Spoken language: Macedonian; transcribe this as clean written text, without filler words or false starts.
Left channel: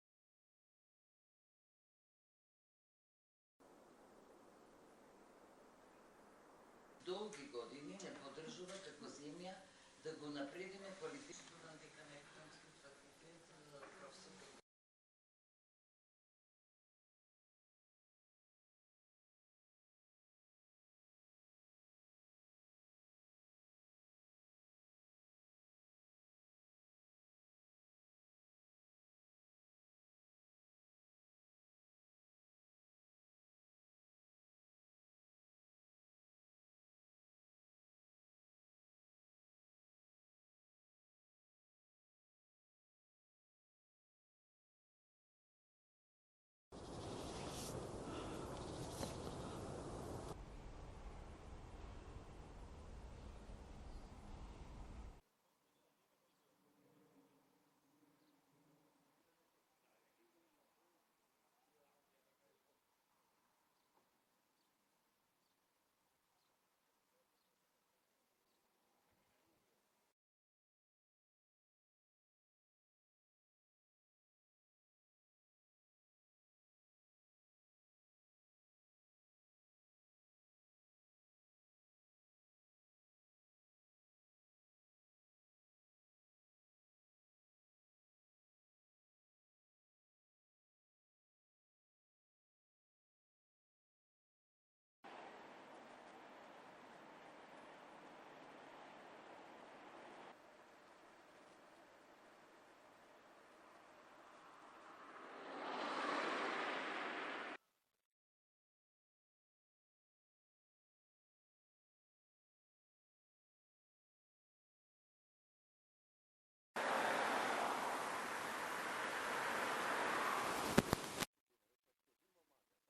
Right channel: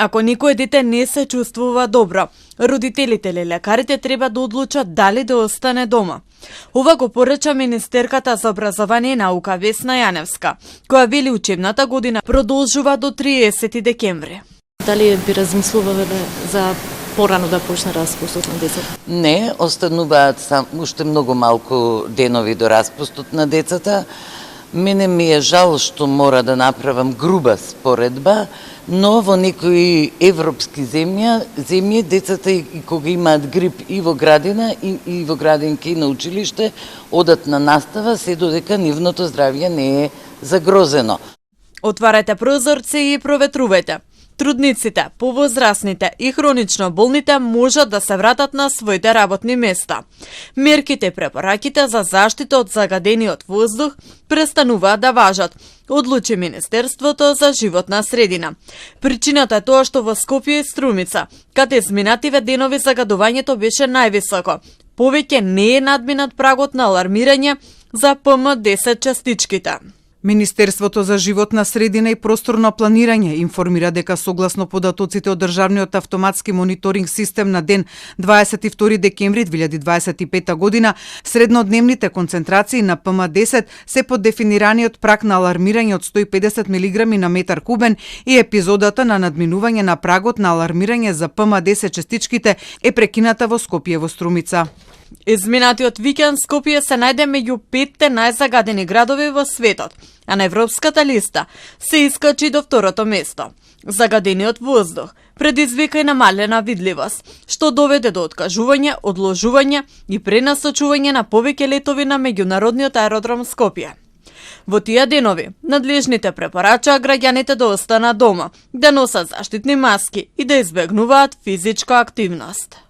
Ако некое дете не се чувствува добро, родителите или лекарите треба да одлучат дали да остане дома. Ова го порача министерката за образование и наука Весна Јаневска, која вели учебната година продолжува до 30 декември. Дали би размислувале за порано да почне распустот на децата? Не, остануваат уште многу малку денови до распустот на децата. Мене ми е жал што мора да направам груба споредба, но во некои европски земји децата и кога имаат грип и во градина и во градинки на училиште одат на настава се додека нивното здравје не е загрозено. Отварете прозорци и проветрувајте. Трудниците, повозрасните и хронично болните можат да се вратат на своите работни места. Мерките и препораките за заштита од загадениот воздух престануваат да важат, одлучи Министерството за животна средина. Причината е тоа што во Скопје и Струмица, каде изминативе денови загадувањето беше највисоко, повеќе не е надминат прагот на алармирање за ПМ10 частичките. Министерството за животна средина и просторно планирање информира дека согласно податоците од Државниот автоматски мониторинг систем на ден 22 декември 2025 година, среднодневните концентрации на ПМ10 се под дефинираниот праг на алармирање од 150 мг на метар кубен и епизодата на надминување на прагот на алармирање за ПМ10 частичките е прекината во Скопје во Струмица. Изминатиот викенд Скопје се најде меѓу 5 најзагадени градови во светот, а на европската листа се искачи до второто место. Загадениот воздух предизвика и намалена видливост, што доведе до откажување, одложување и пренасочување на повеќе летови на меѓународниот аеродром Скопје. Во тие денови, надлежните препорачаа граѓаните да останат дома, да носат заштитни маски и да избегнуваат физичка активност.